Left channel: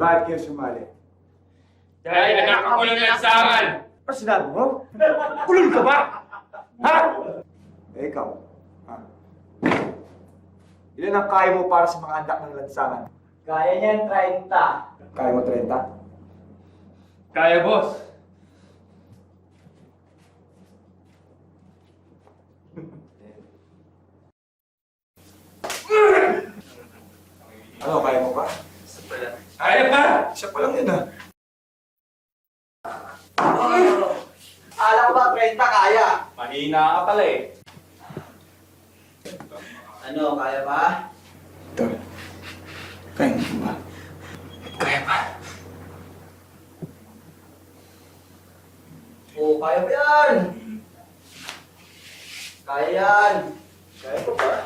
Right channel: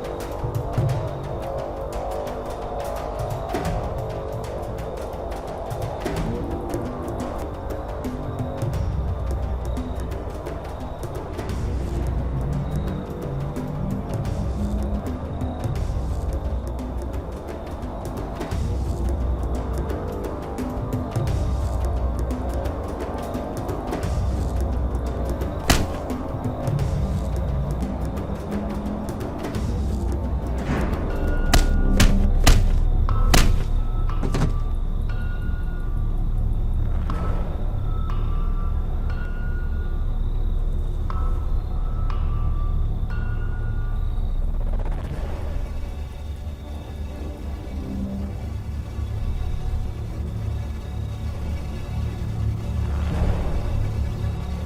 Bakit kayo sumali? Dahil nakakakulang na sa akin! Ano sinabi mo? Kulul ka ba? Ha? Ikaw. Yan ang kaya mo para sa mga anak ng bansa. Kaya niyan, 30. Kaya mo 30? Kaya, boss. Ano, kaya mo ba? Kaya pa! Siya pala kita. Alam ko ba 30 kaya? Mahina ka pala eh. Ano, kaya ba? Tol, kaya mo ba? Kaya ba? Oo, kaya ba yan? Kaya yan. Kaya ko ba?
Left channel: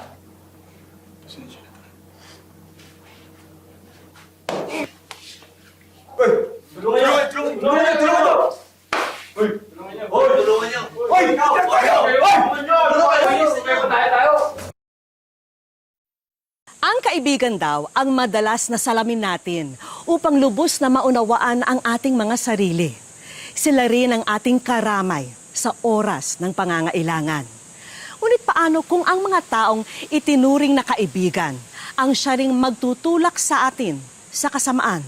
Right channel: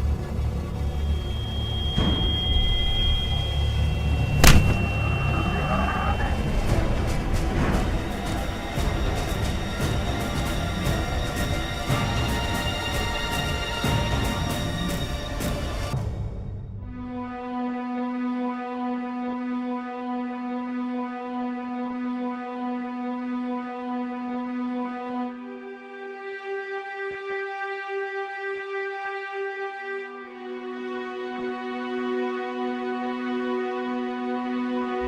Ang kaibigan daw ang madalas na salamin natin upang lubos na maunawaan ang ating mga sarili. Sila rin ang ating karamay sa oras ng pangangailangan. Ngunit paano kung ang mga taong itinuring na kaibigan ang siya ring magtutulak sa atin sa kasamaan?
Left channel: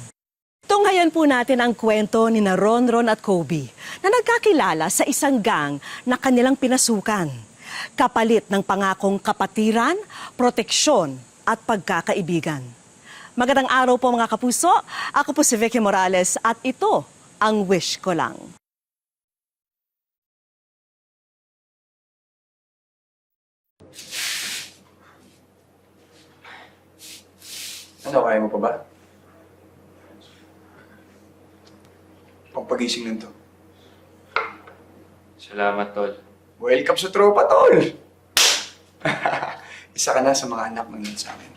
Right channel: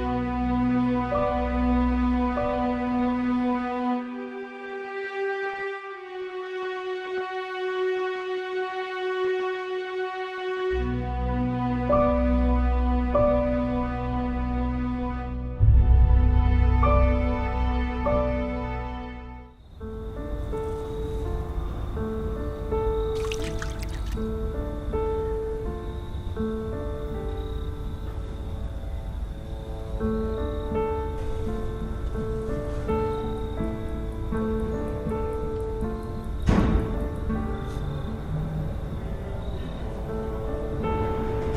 Tunghayan po natin ang kwento ni na Ronron at Kobe na nagkakilala sa isang gang na kanilang pinasukan. Kapalit ng pangakong kapatiran, proteksyon at pagkakaibigan. Magandang araw po mga kapuso. Ako po si Vicky Morales at ito ang Wish Ko Lang. Ano, kaya mo pa ba? Pagpagising lang to. Salamat, Tol. Welcome sa tropa, tol! Isa ka na sa mga anak mo sa akin.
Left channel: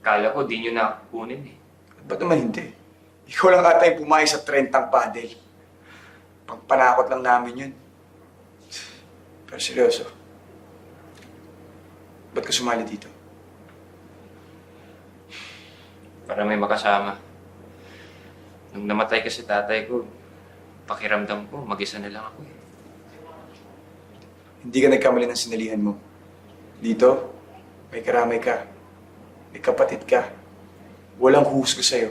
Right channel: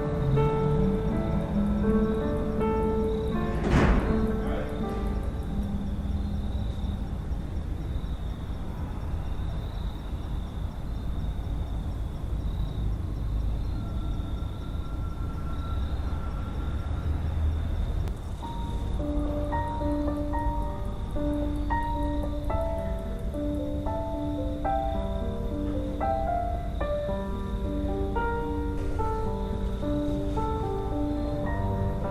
Kala ko di nyo na ako kukunin eh. Ba't naman hindi? Ikaw lang ata yung pumayag sa 30 paddle. Pagpanakot lang namin yun. Pero seryoso, ba't ka sumali dito? Para may makasama. Nung namatay kasi tatay ko, pakiramdam ko, mag-isa na lang ako. Hindi ka nagkamali ng sinalihan mo. Dito, may karamay ka. May kapatid ka. Walang husga sa'yo.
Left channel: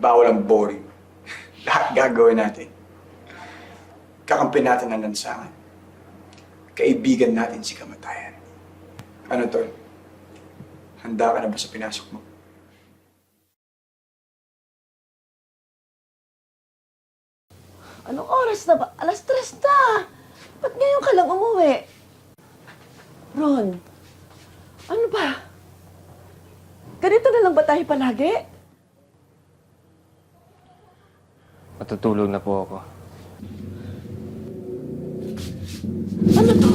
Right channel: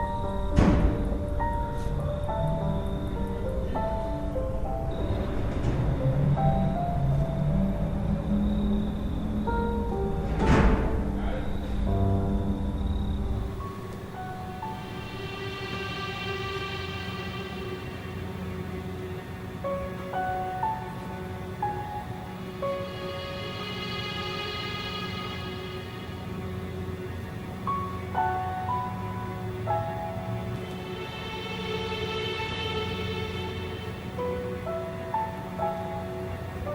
Bawal ang boring. Lahat gagawin natin. Kakampi natin ang lansangan. Kaibigan natin si kamatayan. Ano, Tol? Handa ka na ba sa pinasok mo? Anong oras na ba? Alas 3 na. Ba't ngayon ka lang umuwi? Ron, ano ba? Ganito na lang ba tayo palagi? Matutulog na po ako. Ano to?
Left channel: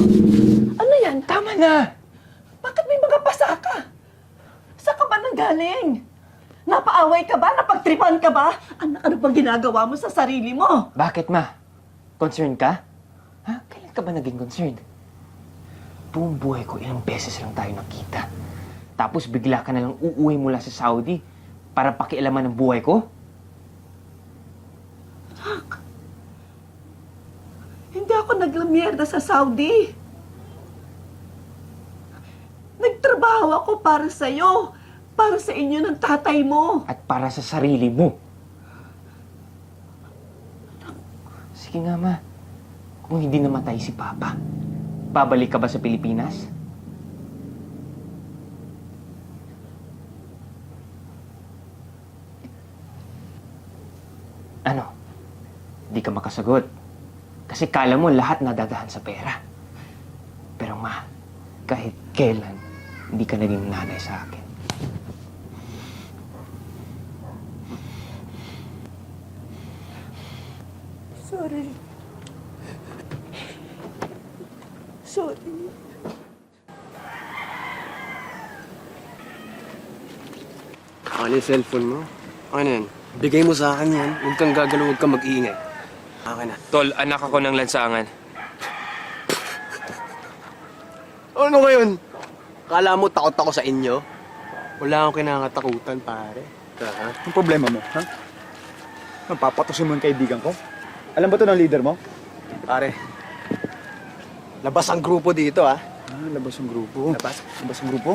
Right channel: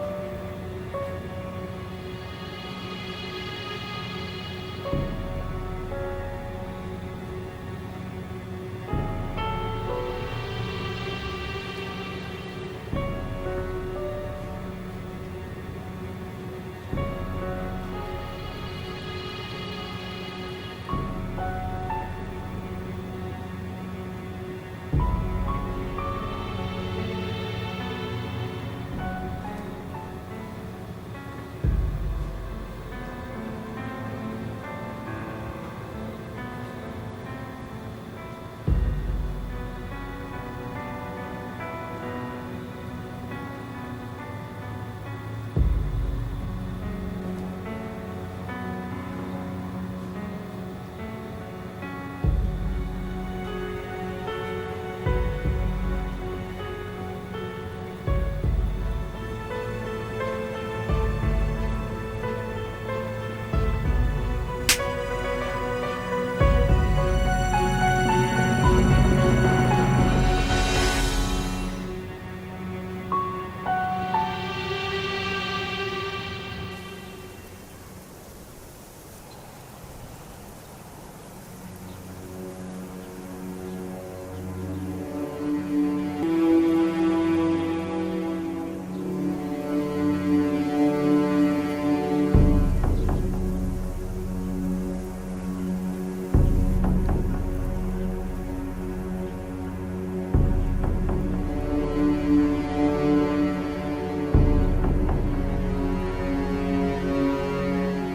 Ano yan? Tama na. Bakit may mga pasa ka? Saan ka ba nanggaling? Napaaway ka ba? Napagtripan ka ba? Ano bang ginagawa mo sa sarili mo? Bakit, ma? Concerned ka? Bakit ka ba naging concerned? Buong buhay ko, ilang beses lang tayo nakita. Tapos bigla ka na lang uuwi mula sa Saudi para pakialaman ng buhay ko? Hindi ako naglamierda sa Saudi. Nagtrabaho ako para sa'yo. Para sa inyo ng tatay mo. At para sa sarili mo. Sige na, ma. Kung hindi namatay si Papa, babalik ka ba sa Pilipinas? Ano? Hindi ka makasagot. Kasi kala mo lahat nadadaan sa pera. Pero ma, kahit kailan, hindi ka naging nanay sa akin. Sorry. Ano yung cellphone mo? Ano yan? Bigay mo sa akin yan. Huwag kang gagalaw, huwag kang mag-iingay. Akin na. Tol, anak ako ng lansangan. Ano ngayon? Kala mo takot ako sa inyo? Wala akong kinakatakutan, pare. kita, ha? Ang problema mo, ha? Napapatusin mo yung kaibigan ko? Alam ba to ng leader mo? Pare, labas ang grupo dito, ha? Labas ang grupo? Labas ang grupo?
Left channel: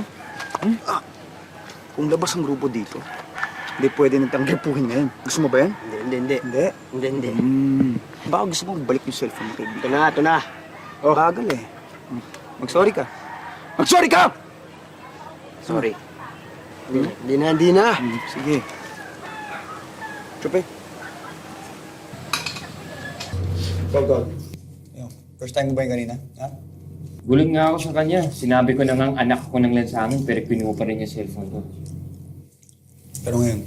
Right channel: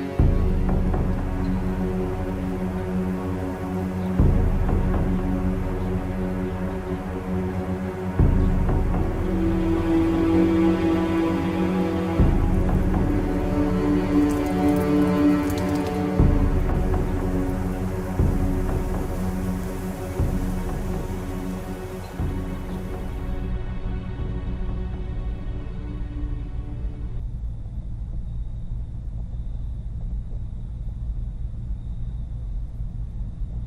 Kung labas ang grupo dito, hindi pwede nitang gripuhin ngayon. Gusto mo ba yan? Hindi. Baka gusto mo balik yung cellphone ko. Ito na. O, kagam eh. Mag-sorry ka. Mag-sorry ka! Sorry. Hindi na. Sige. Chupe. Go. First time mo ba yung kanina? Ha? Gulat nga ako sa kanya. Sinabi ko na nga anak ko ng lansangan pero kinuha pa rin yung cellphone ko. Pero ngayon,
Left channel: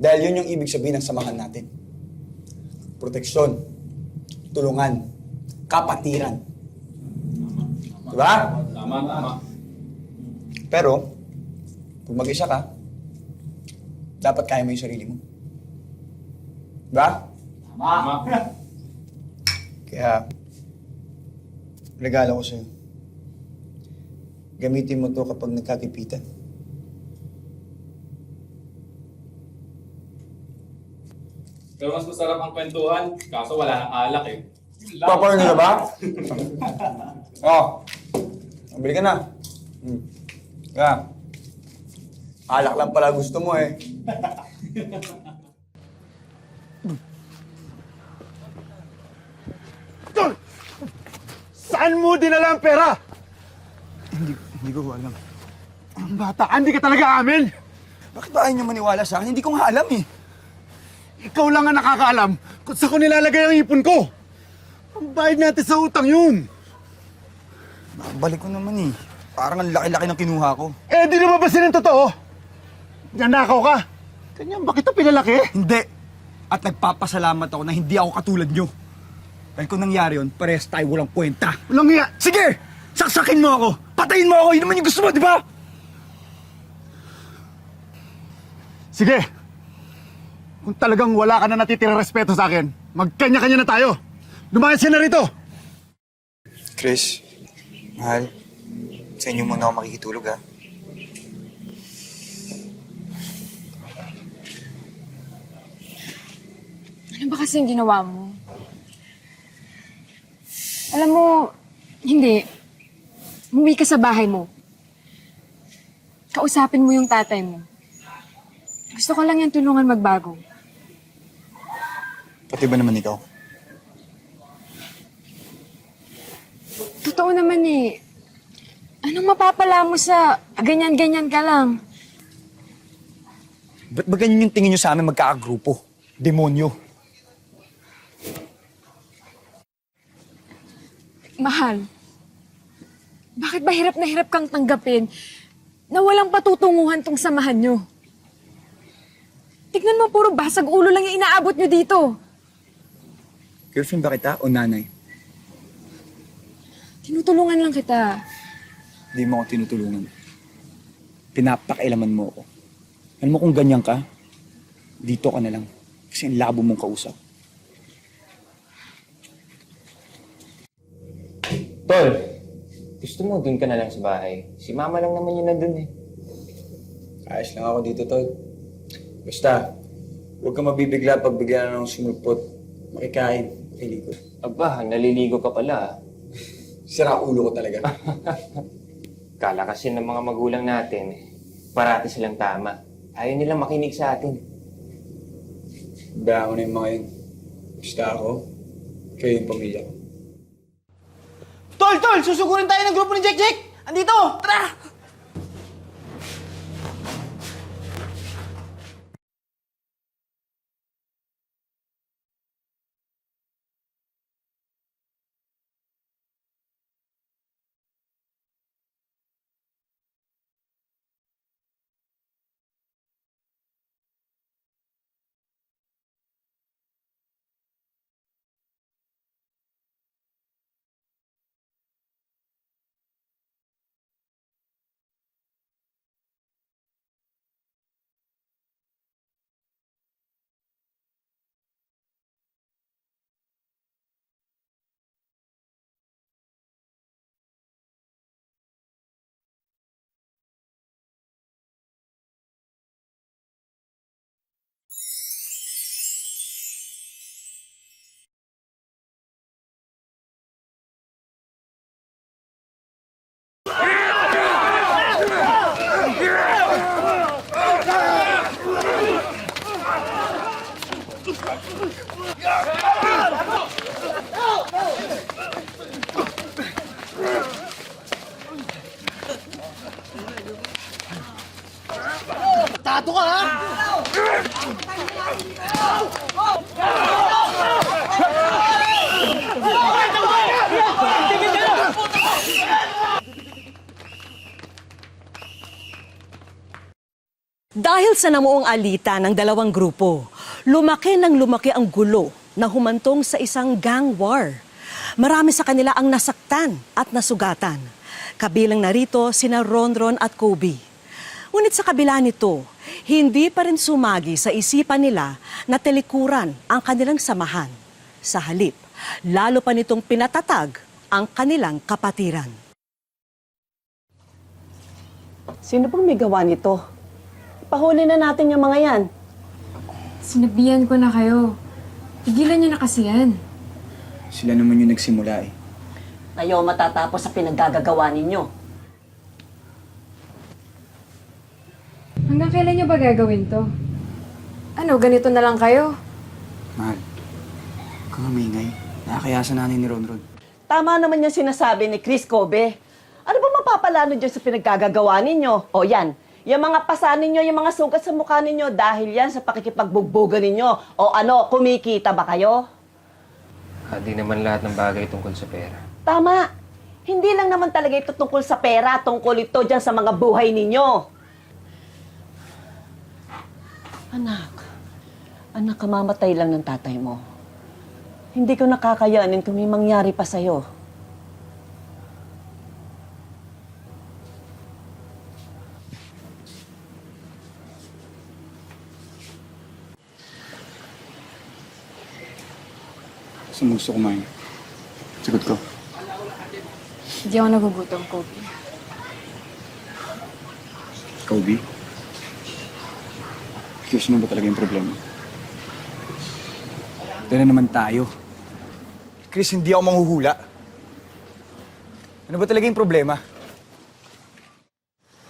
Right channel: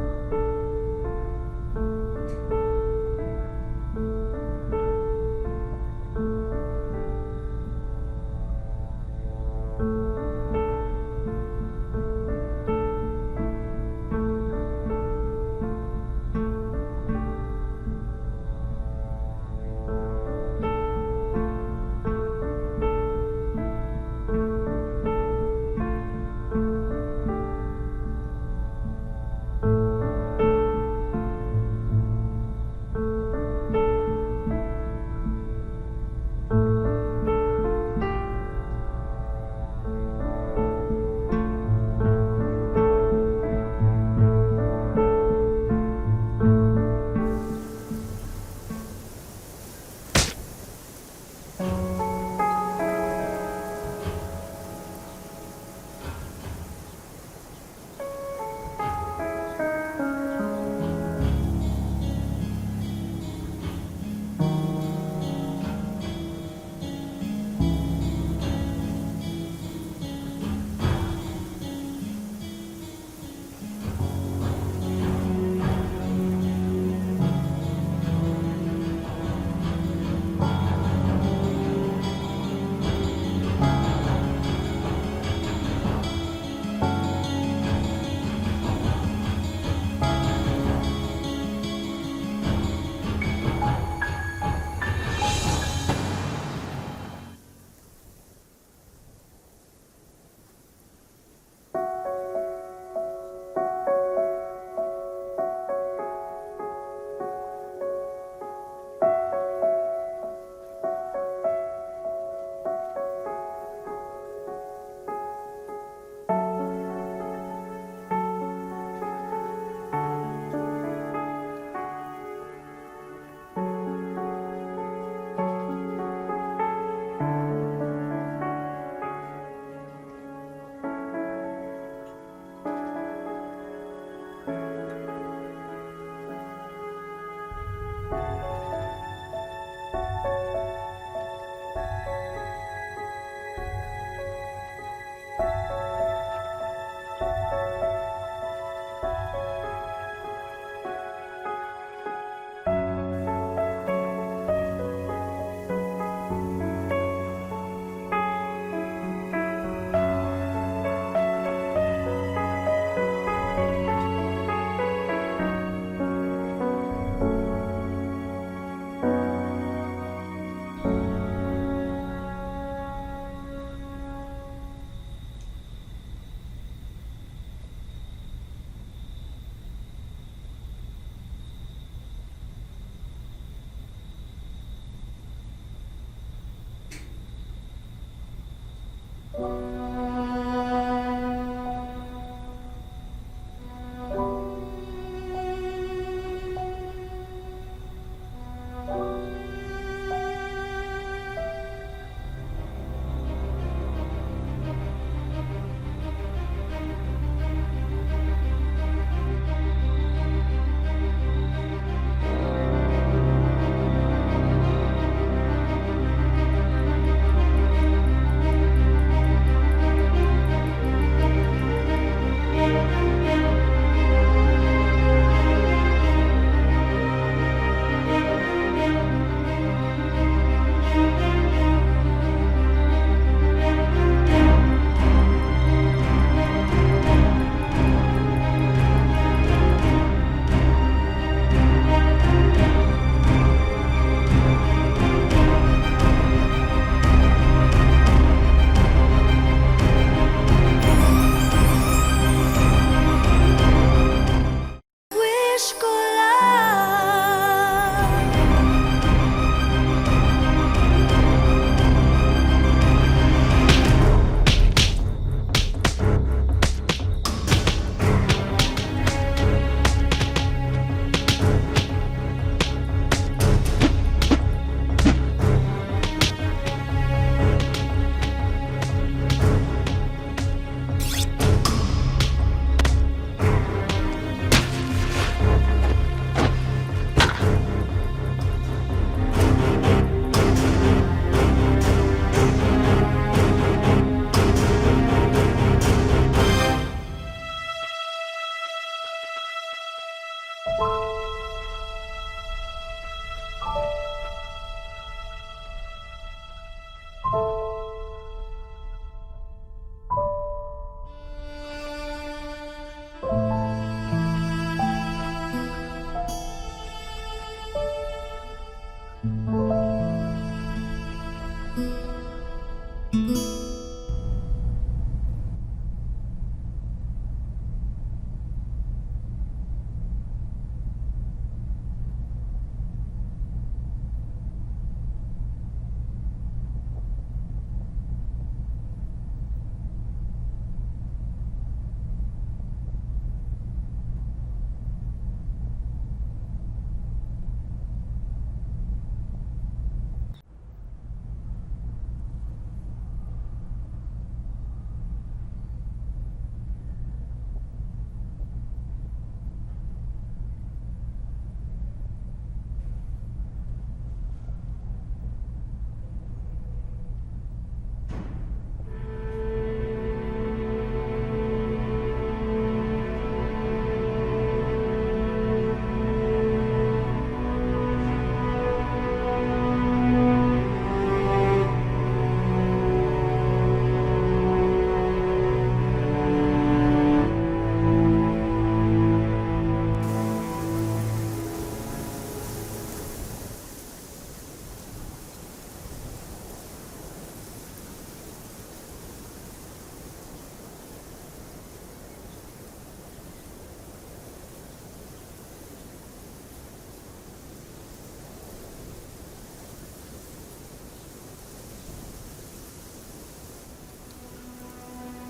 dahil yun yung ibig sabihin ng samahan natin. Proteksyon, tulungan, kapatiran. Diba? Tama. Pero, kung mag-isa ka, dapat kaya mo yung sarili mo. Diba? Tama. Kaya, regalo ko sa'yo. Gamitin mo to kapag nagkagipitan. Pero mas masarap ang kwentuhan, kaso wala nang alak eh. Popcorn nila ba? Oo. Bili ka na. Kaya, alak lang pala gusto mo eh. Saan mo dinala ang pera? Hindi ko alam. Ang bata ka, hindi ka talaga amin. Bakit ba ayaw niyo maniwala sa akin? Hindi ko nga alam eh. Ikaw lang ang nakakaalam kung saan ko nilalagay ang ipon ko. Ang bayad natin sa utang yun. Balik ko naman eh. Parang ang laki-laki ng kinuha ko. Eh, di lumabasin ang totoo. Nanakaw ka. Ganyan ba kita pinalaki? Hindi. At nagpapasalamat ako na hindi ako katulad niyo. Dahil kung nangyari yun, parehas tayo walang kwenta. Walang iya. Sige! Saksakin mo ako! Patayin mo ako! Yun naman yung gusto mo, di ba? Sige. Kung talagang wala ka na natitirang respeto sa akin, magkanya-kanya na tayo. Lumayas ka na rito. Chris, mahal, sa inyo muna ako makikitulog, ha? Ano ba kasing ginawa mo? Alam mo, hindi. Umuwi ka sa bahay mo. Kausapin mo yung tatay mo. Gusto ko lang yung tulungan magbago. Pati ba naman ikaw? Totoo naman eh. Anong mapapala mo sa ganyan-ganyan ka lang? Ba't ba ganyan yung tingin nyo sa amin magkakagrupo? Demonyo. Mahal, bakit ba hirap na hirap kang tanggapin na walang patutunguhan tong samahan nyo? Tignan mo, puro basag ulo lang yung inaabot nyo dito. Girlfriend ba kita o nanay? Tinutulungan lang kita. Hindi mo ako tinutulungan. Pinapakailaman mo. Alam mo kung ganyan ka, dito ka na lang. Kasi ang labo mong kausap. Tol, gusto mo dun ka na lang sa bahay? Si mama lang naman yun nandun eh. Ayos lang ako dito, Tol. Basta, huwag ka mabibigla pag bigla na ng sumulpot. Makikain, iligo. Aba, naliligo ka pala. Sira ulo ko talaga. Kala kasi ng mga magulang natin, parati silang tama. Ayaw nilang makinig sa atin. Bayaan ko na yung mga yun. Basta ako, kayo yung pamilya ko. Tol! Susugurin tayo ng grupo ni Jack! Andito! Tara! Sigurado ka, ha? Dahil sa namuong alitan ng dalawang grupo, lumaki ang gulo na humantong sa isang gang war. Marami sa kanila ang nasaktan at nasugatan. Kabilang narito sina Ronron at Kobe. Ngunit sa kabila nito, hindi pa rin sumagi sa isipan nila na telikuran ang kanilang samahan. Sa halip, lalo pa nitong pinatatag ang kanilang kapatiran. Sino pong may gawa nito? Pahuli na natin yung mga yan. Sinabihan ko na kayo. Tigilan niyo na kasi yan. Sila naman yung nagsimula eh. Ayaw matatapos sa pinaggagawa ninyo. Hanggang kailan niyo ba gagawin to? Ano, ganito na lang kayo? Mahal, kung mamingay, nakakayasan natin ni Ronron. Tama naman yung sinasabi ni Chris Kobe. Ano ba mapapalano dyan sa pinaggagawa ninyo? O yan, yung mga pasa ninyo, yung mga sugat sa mukha ninyo, dahil yan sa pakikipagbugbogan ninyo. O ano, kumikita ba kayo? Di naman lahat ng bagay tungkol sa pera. Tama. Hindi lang naman talaga ito tungkol sa pera, tungkol ito dyan sa mga buhay ninyo. Anak, kamamatay lang yung tatay mo. Hindi ko nakakayanin kung may mangyari pa sa'yo. Saan mo gusto kumain? Sagot ko. Hindi ako nagugutom, Kobe. Kobe? Chris, ano ba talaga yung problema? Ito na naman tayo. Chris, hindi ako manghuhula. Ano ba talaga yung problema?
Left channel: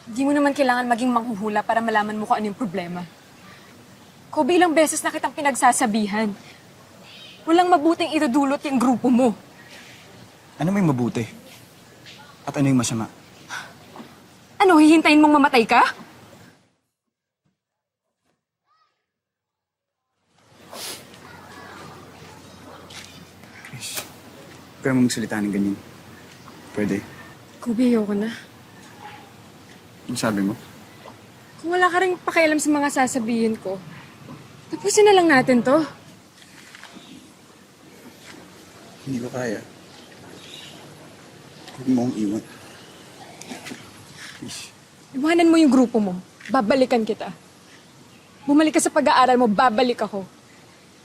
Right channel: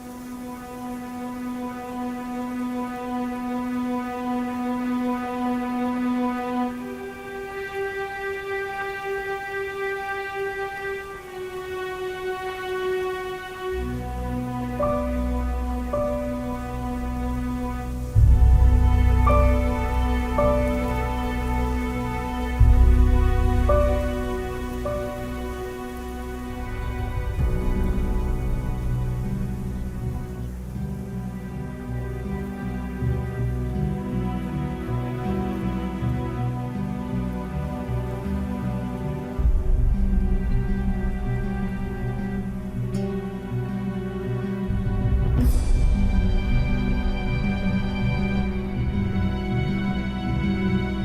Hindi mo naman kailangan maging manghuhula para malaman mo kung ano yung problema. Kobe, ilang beses na kitang pinagsasabihan. Walang mabuting idudulot yung grupo mo. Ano may mabuti? At ano yung masama? Ano, hihintayin mong mamatay ka? Pero mong salita ng ganyan. Pwede. Kobe, ayoko na. Ano sabi mo? Kung wala ka rin pakialam sa mga sasabihin ko, tapusin na lang natin to. Hindi ba kaya? Huwag mo akong iwan. Iwanan mo yung grupo mo. Babalikan kita. Bumalik ka sa pag-aaral mo, babalik ako.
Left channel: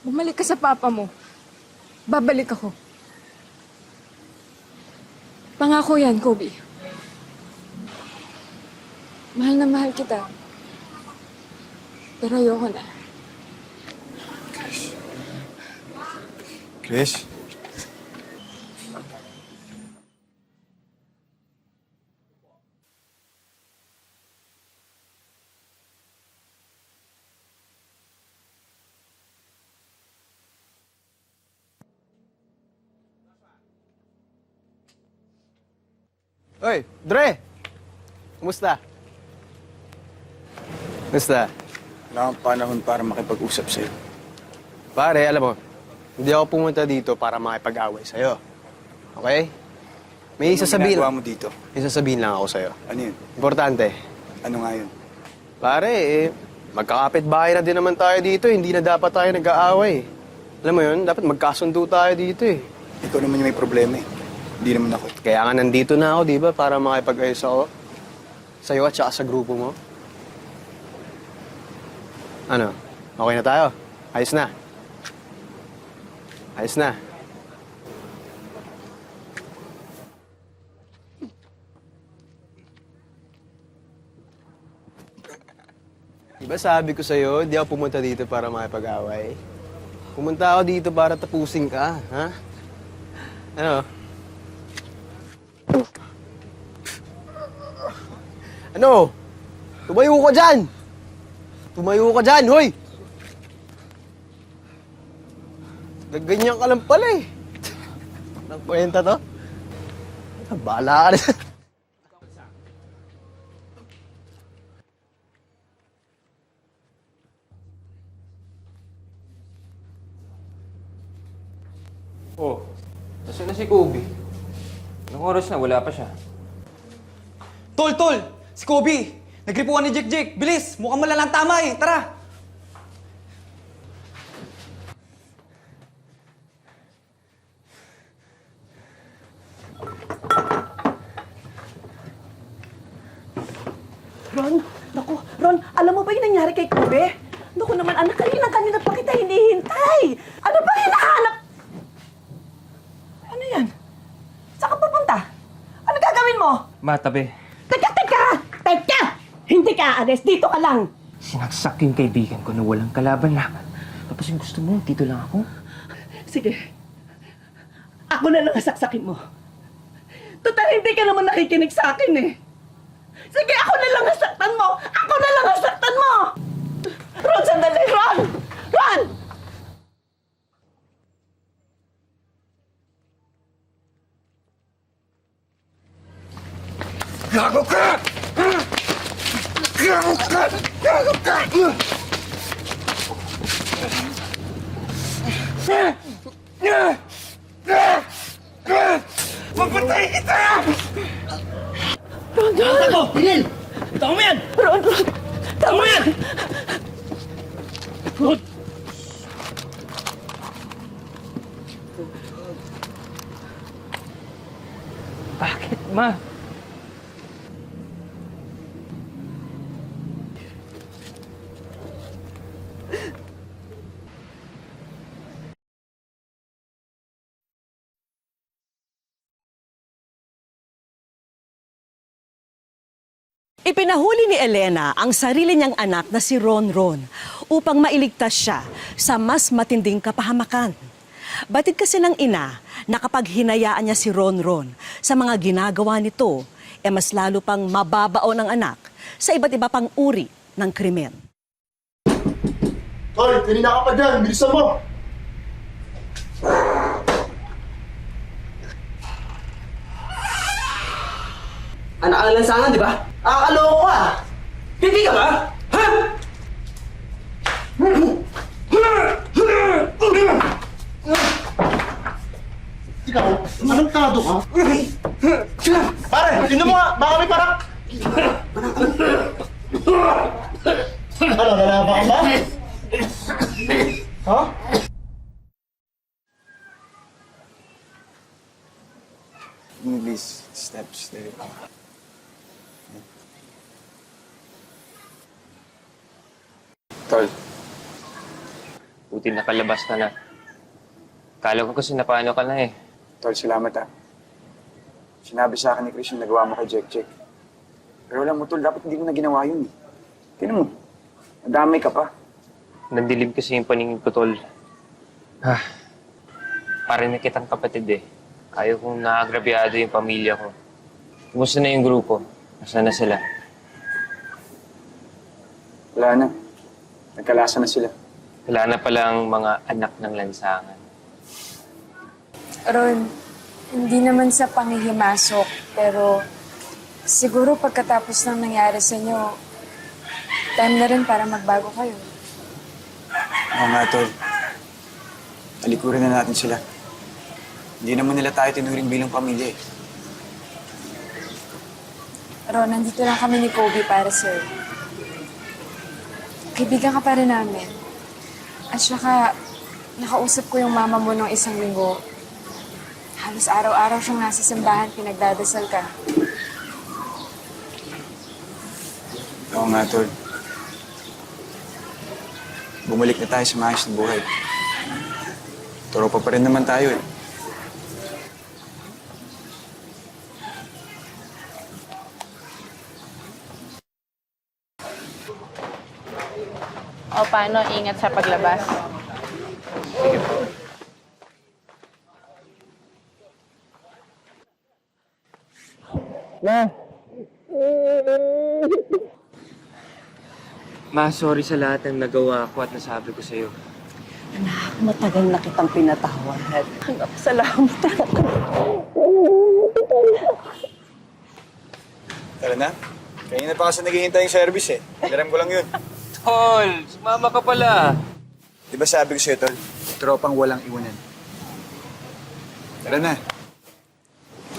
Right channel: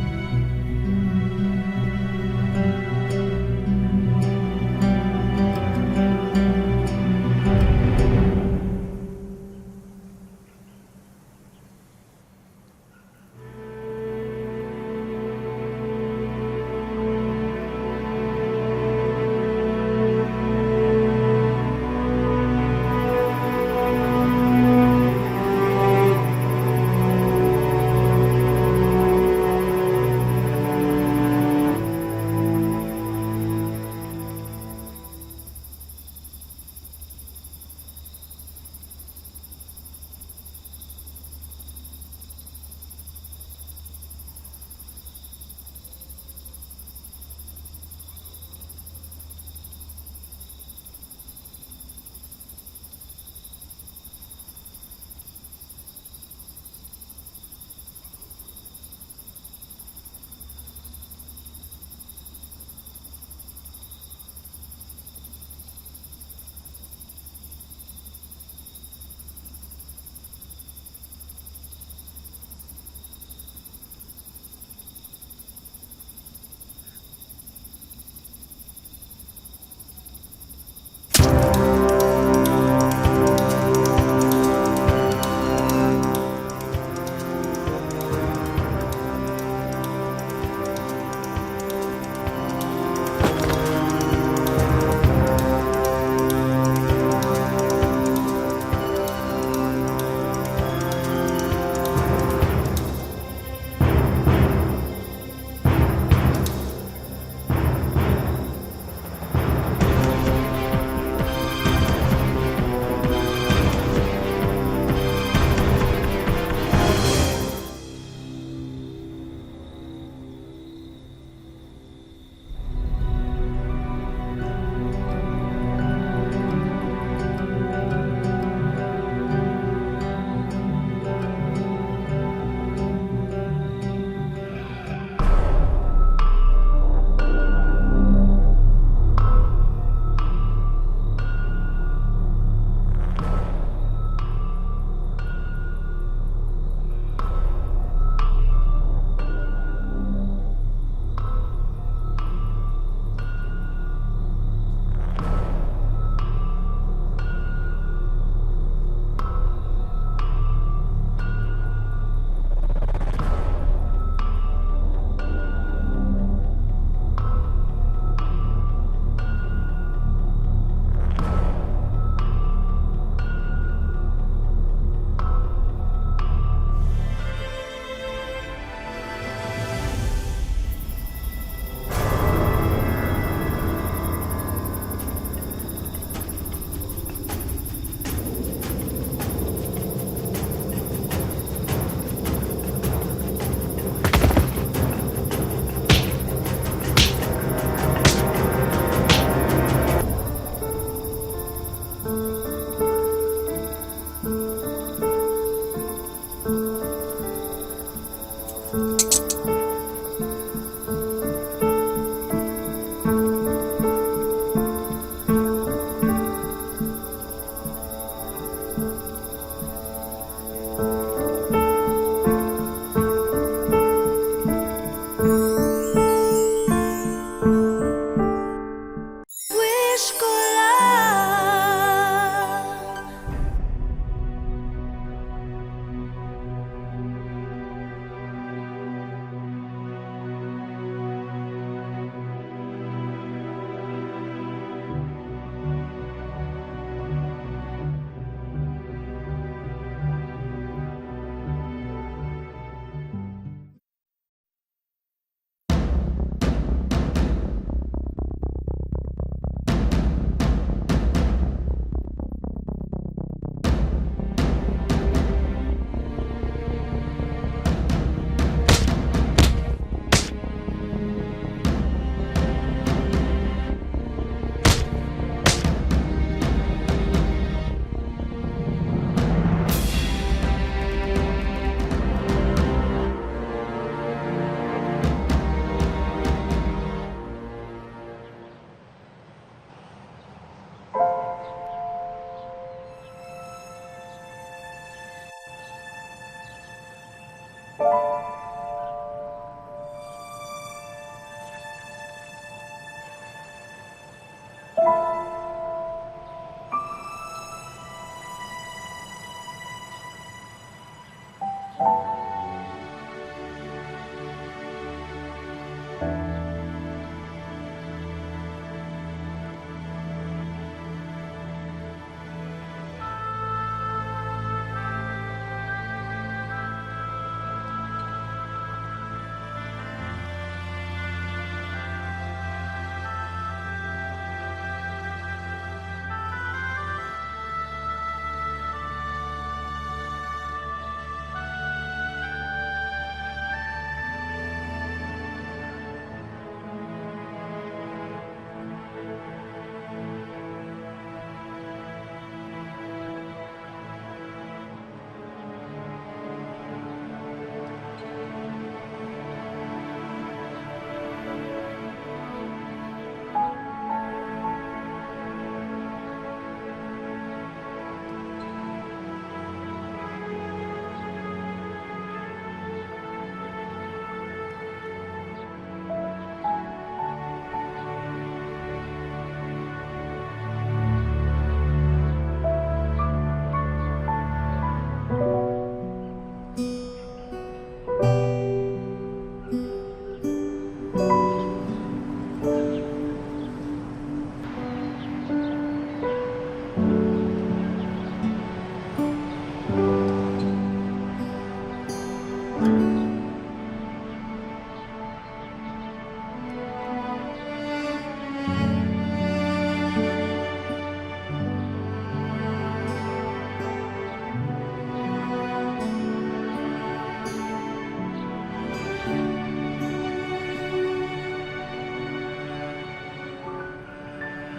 Bumalik ka sa papa mo. Babalik ako. Pangako yan, Kobe. Mahal na mahal kita. Pero ayoko na. Chris? Oy, Dre! Kumusta? Kumusta? Wala akong panahon para makipag-usap sa'yo. Pare, alam mo, hindi ako pumunta dito para makipag-away sa'yo. Okay? May sasabihin. Ginagawa mo dito? May sasabihin lang ako sa'yo. Ano yun? Importante. Ano nga yun? Pare, magkakapit-bahay na din naman tayo dito. Hindi na dapat tayo nag-aaway. Alam mo yun, dapat magkasundo tayo dito eh. Ikaw naman yung may problema eh. Hindi naman ako. Kaya nga nandito na ako, di ba? Para makipag-ayos ako sa'yo at saka sa grupo mo. Ano? Okay na tayo? Ayos na? Ayos na? Diba sabi ko sa'yo, hindi ako pumunta dito para makipag-away. Pumunta ako dito para tapusin ka, ha? Ano? Ano? Tumayo ka dyan! Tumayo ka dyan, hoy! Ganyan ka lang pala eh. Ang kwenta to? Bahala ka na. si Kobe? Ang oras na, wala pa siya. Tol! Si Kobe! Nagripuan ni Jake! Bilis! Mukhang malalang tama eh! Tara! Ron, naku, Ron, alam mo ba yung nangyari kay Kobe? Naku naman, anak, kanina pa kita hinihintay. Ano ba hinahanap? Ano yan? Saan ka pupunta? Ano gagawin mo? Ma, tabi. Teka! Hindi ka aalis, dito ka lang. Sinaksak yung kaibigan ko na walang kalaban lang. Tapos yung gusto mo, dito lang ako. Sige, ako na lang sasaksakin mo. Total, hindi ka naman nakikinig sa akin eh. Sige, ako na lang nasaktan mo! Ako na lang nasaktan mo! Ron, sandali! Ron! Ron! Gago ka! Gago ka! Gago ka! Papatay kita! Ron! Ako! Rin! Tama mo yan! Ron! Tama mo yan! Ron! Bakit, ma? Ipinahuli ni Elena ang sarili niyang anak na si Ronron upang mailigtas siya sa mas matinding kapahamakan. Batid kasi ng ina na kapag hinayaan niya si Ronron sa mga ginagawa nito, mas lalo pang mababao ng anak sa iba't iba pang uri ng krimen. Hoy, kanina ka pa dyan. Bilisan mo! Anak ka lang sana, di ba? Akakaloko ka! Hindi ka ba? Ha? Ikaw, anong ka? Pare, tinan mo nga! Baka may parak! Ano, nalaban ka ba? Ha? Please, step. Tol, buti nakalabas ka na. Kala ko kasi napaano ka na eh. Tol, salamat ah. Sinabi sa akin ni Chris yung nagawa mo kay Jack. Pero alam mo, Tol, dapat hindi ko na ginawa yun eh. Tingnan mo, damay ka pa. Nandilib kasi yung paningin ko, Tol. Parang may kitang kapatid eh. Ayaw kong naagrabyado yung pamilya ko. Kumusta na yung grupo? Kumusta na sila? Wala na. Nagkalasa na sila. Wala na palang mga anak ng lansangan. Ron, hindi naman sa panghihimasok, pero siguro pagkatapos ng nangyari sa inyo, time na rin para magbago kayo. Oo nga, Tol. Talikurin na natin sila. Hindi naman nila tayo tinuring bilang pamilya eh. Ron, nandito lang kami ni Kobe para sa'yo. Kaibigan ka pa rin namin. At saka, nakausap ko yung mama mo nung isang linggo. Halos araw-araw siyang nasa simbahan, pinagdadasal ka. Oo nga, Tol. Bumalik na tayo sa maayos na buhay. Tropa pa rin naman tayo eh. O paano, ingat sa paglabas. Sige po. Ma, sorry sa lahat ng nagawa ko at nasabi ko sa'yo. Anak, matagal na kitang pinatawad. Anak, salamat ako. Tara na. Kanina pa kasi naghihintay yung service eh. Alam ko lang yun. Tol, sumama ka pala. Di ba sabi ko sa'yo, Tol? Tropang walang iwanan. Tara na.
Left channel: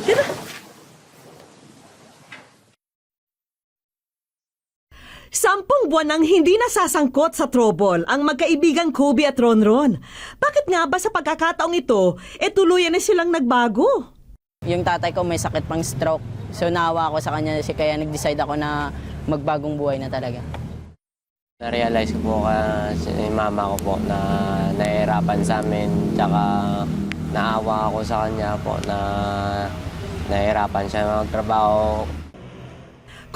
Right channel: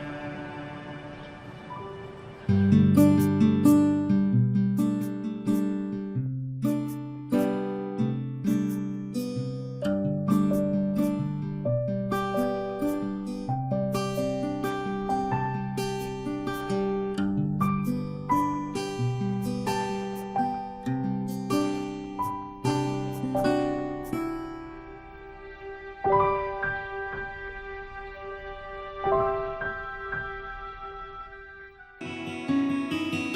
Tira. Sampung buwan nang hindi nasasangkot sa trouble ang magkaibigang Kobe at Ronron. Bakit nga ba sa pagkakataong ito, tuluyan na silang nagbago? Yung tatay ko may sakit pang stroke. So naawa ako sa kanya kaya nag-decide ako na magbagong buhay na talaga. Na-realize ko po kasi yung mama ko po na nahihirapan sa amin. Tsaka naawa ako sa kanya po na nahihirapan siya magtrabaho.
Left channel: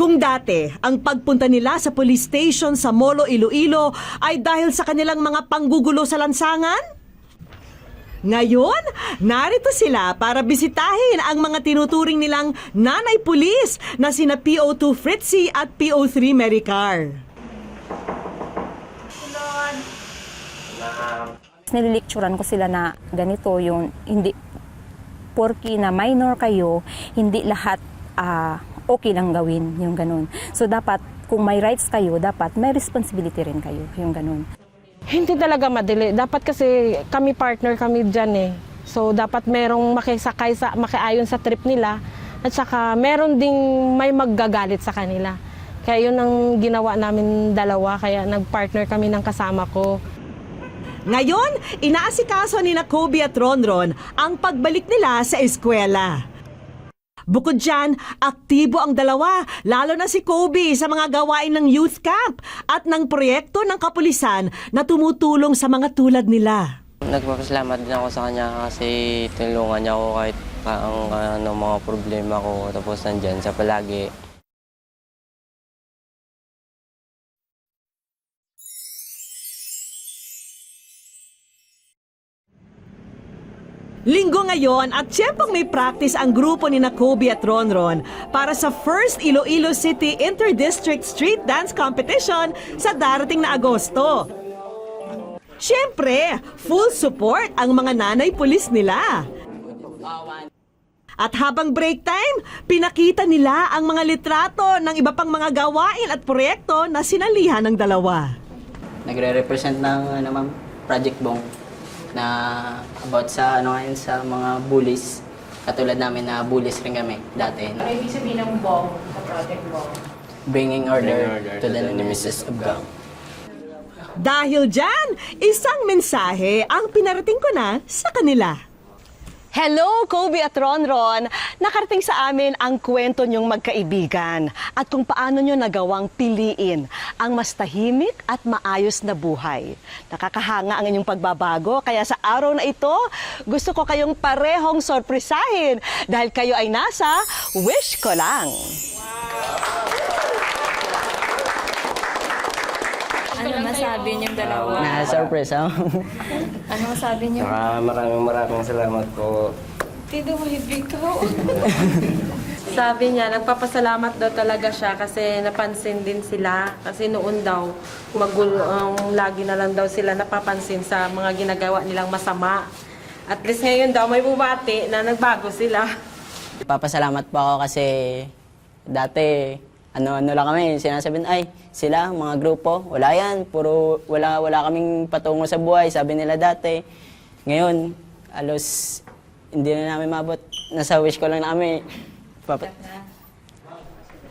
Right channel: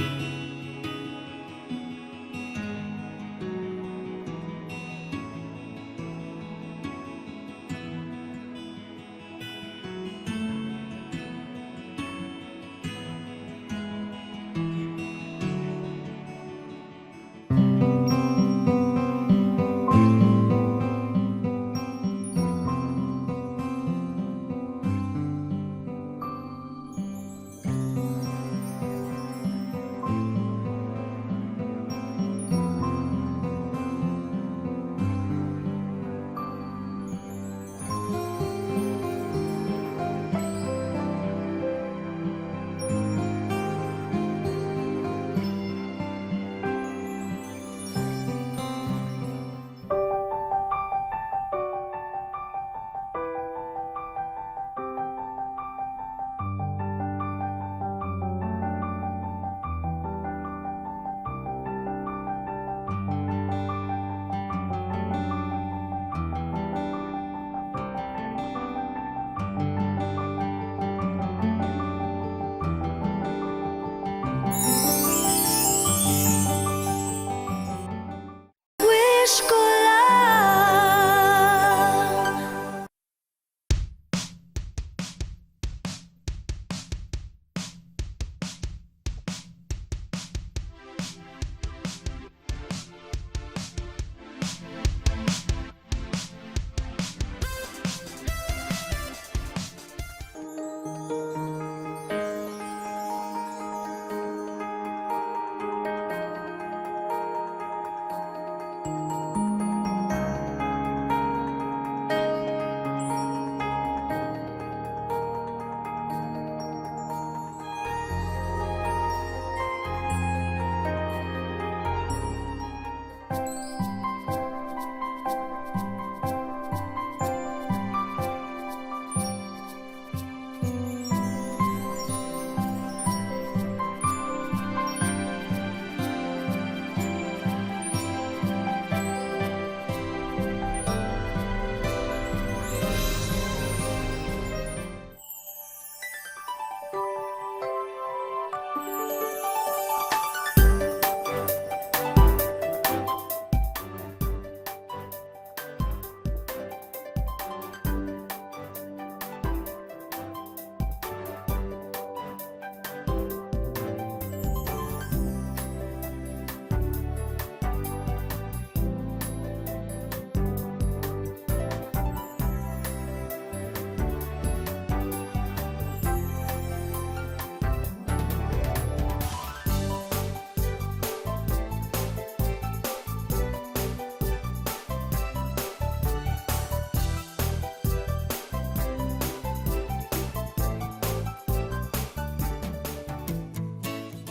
Kung dati, ang pagpunta nila sa police station sa Molo, Iloilo ay dahil sa kanilang mga panggugulo sa lansangan, ngayon, narito sila para bisitahin ang mga tinuturing nilang nanay pulis na sina PO2 Fritzy at PO3 Maricar. Nililecturan ko sila na ganito yung hindi porky na minor kayo, hindi lahat okay lang gawin yung ganun. So dapat kung may rights kayo, dapat may responsibility rin kayo yung ganun. Hindi talaga madali. Dapat kasi kami partner kami dyan eh. So dapat merong makisakay sa makiayon sa trip nila at saka meron ding may maggagalit sa kanila. Kaya yun ang ginawa namin dalawa, kaya nagpartner kami ng kasama ko. Ngayon, inaasikaso ni na Kobe at Ronron ang pagbalik nila sa eskwela. Bukod dyan, aktibo ang dalawa, lalo na si Kobe sa mga gawain ng youth camp at ng proyekto ng kapulisan na tumutulong sa mga tulad nila. Nagpapasalamat din ako sa kanya kasi tulungan niya ako kahit ang mga problema ko. Tapos nandyan siya palagi. Linggo ngayon at siyempang may practice ang grupo ni na Kobe at Ronron para sa first Iloilo City Inter-District Street Dance Competition sa darating na Agosto. Siyempre, full support ang mga nanay pulis nila. At habang break time, pinakita nila ang mga litrato ng iba pang mga gawain at proyekto na sinalihan ng dalawa. Nagre-represent ng ma'am, Project Bong na about sa ngayon sa mga bullies. Katulad namin na bullies rin kami dati. Ano ibig sabihin ng Bong sa Project Bong? Bringing order to the nemesis of God. Dahil dyan, isang mensahe ang pinarating ko na sa kanila. Hello, Kobe at Ronron! Nakarating sa amin ang kwento niyong magkaibigan at kung paano niyo nagawang piliin ang mas tahimik at maayos na buhay. Nakakahanga ang inyong pagbabago, kaya sa araw na ito, gusto ko kayong parehong sorpresahin dahil kayo ay nasa Wish Ko Lang. Ano masabi niyong dalawa? Na-surprise, ha? Ano masabi niyo? Maraming salamat po. Pido mo ikaw. Sabi niya, nagpapasalamat daw talaga siya kasi napansin din sila. Kasi noon daw, lagi na lang daw sila napapansin sa mga ginagawa nilang masama. At least ngayon daw may bumati na nagbago sila. Papasalamat po ako kasi dati ano lang kami, sinasabihin, ay, sila, mga grupo, wala yan, wala kaming patungo sa buhay, sabi nila dati. Ngayon, alos, hindi na namin mabot. Nasa wish ko lang namin.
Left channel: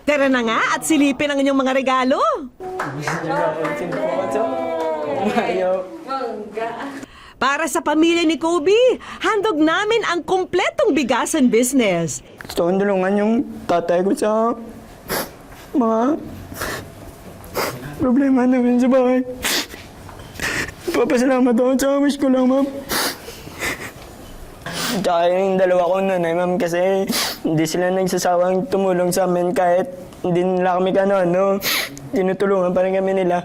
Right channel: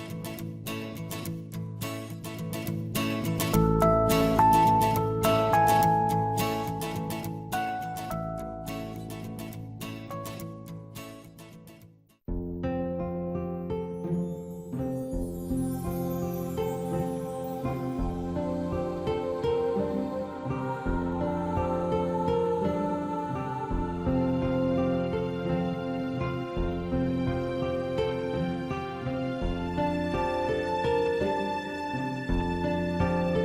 Tara na nga at silipin ang inyong mga regalo. Para sa pamilya ni Kobe, handog namin ang kumpletong bigasan business. Gusto kong tulungan yung tatay ko sa mga problema namin sa bahay. Papasalamat ako sa wish ko lang, ma'am. Tsaka yung dalawa kong nanay, ma'am, kasi hindi sila nagsasawang tumulong sa amin kahit hindi nila kami tinutulungan pa rin kami nila.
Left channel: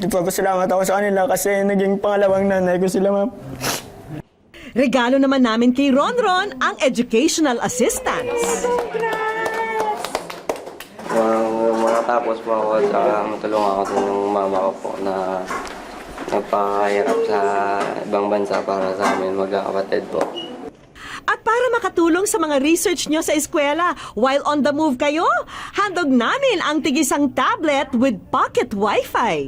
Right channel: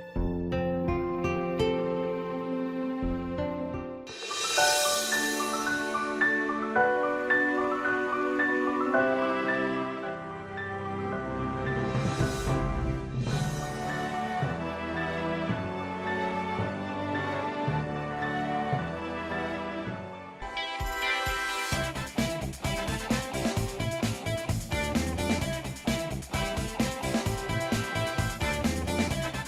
Nagpapasalamat ako sa kanila kasi naging pangalawang nanay ko sila, ma'am. Regalo naman namin kay Ronron ang educational assistance. Makatapos po ako at matulungan ako sa mama ko po na nagpahirap sa ibang bansa para sa amin magkakapatid po. At para makatulong sa mga research nyo sa eskwela while on the move kayo, handog namin ang tigisang tablet with pocket wifi.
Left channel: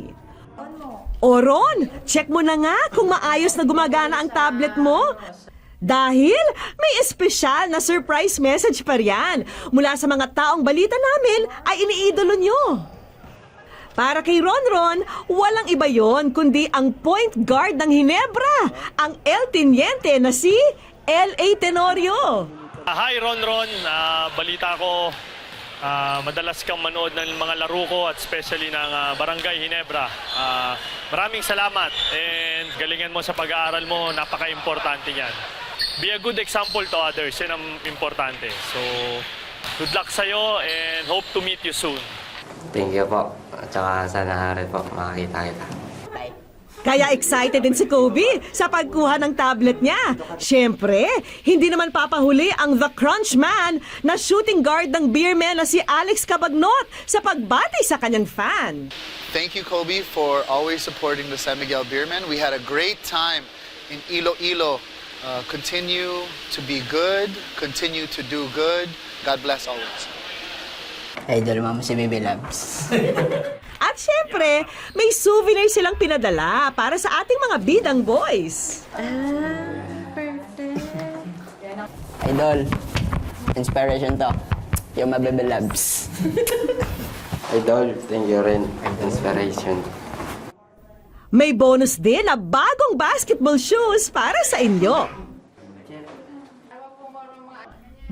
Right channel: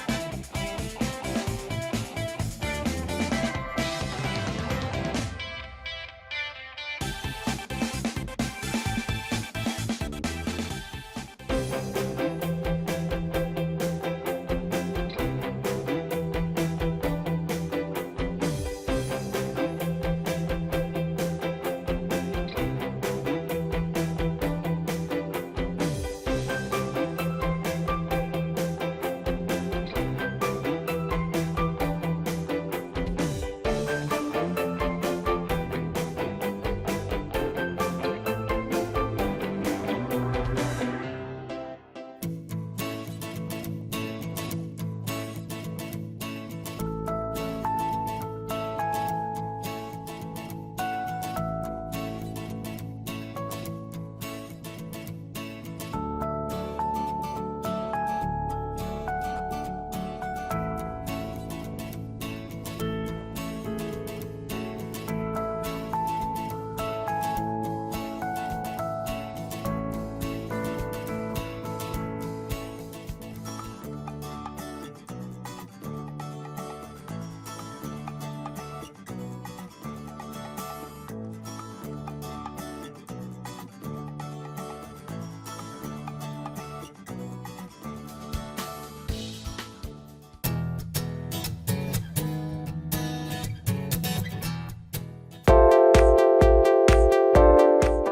O Ron, check mo na nga kung maayos na gumagana ang tablet mo. Dahil may espesyal na surprise message pa riyan mula sa mga taong balita namin ay iniidolo nyo. Para kay Ronron, walang iba yon kundi ang point guard ng Ginebra, ang El Teniente na si L.A. Tenorio. Hi Ronron, balita ko madalas kang manood ng mga laro ko at especially ng Barangay Ginebra. Maraming salamat and galingan mo sa pag-aaral mo, napaka-importante yan. Be a good example to others, yan ang importante. So, good luck sa'yo and hope to meet you soon. Thank you po. Tsaka sana rin po makakita kita. Kaya excited din si Kobe sa pagkuha ng tablet niya. Siyempre, hindi naman papahuli ang The Crunch Man na shooting guard ng Beerman na si Alex Cabagnot sa pagbati sa kanyang fan. Thank you, Kobe, for always supporting the San Miguel Beermen. We had a great time in Iloilo. Continue to be good, continue to do good. God bless always. Idol mo si Baby Labs. At syempre, may souvenir silang pinadala para sa ating mga bidang boys. Idol, inspiration to. Yung mga Baby Labs. Idol, thank you rin. Inspiration. May bonus din na bagong basketball shoes para sa inyo.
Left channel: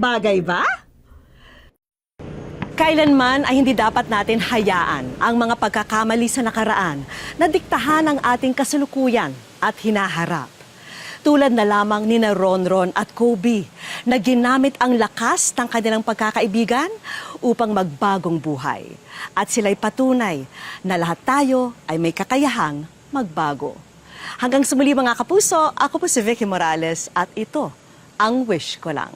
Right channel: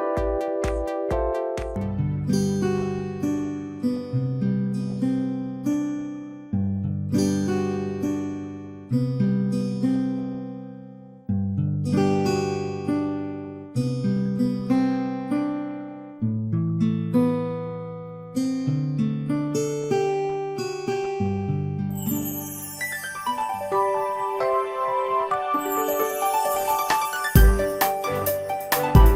Bagay ba? Kailanman ay hindi dapat natin hayaan ang mga pagkakamali sa nakaraan na diktahan ang ating kasalukuyan at hinaharap. Tulad na lamang ni na Ronron at Kobe na ginamit ang lakas ng kanilang pagkakaibigan upang magbagong buhay. At sila'y patunay na lahat tayo ay may kakayahang magbago. Hanggang sa muli mga kapuso, ako po si Vicky Morales at ito ang Wish Ko Na.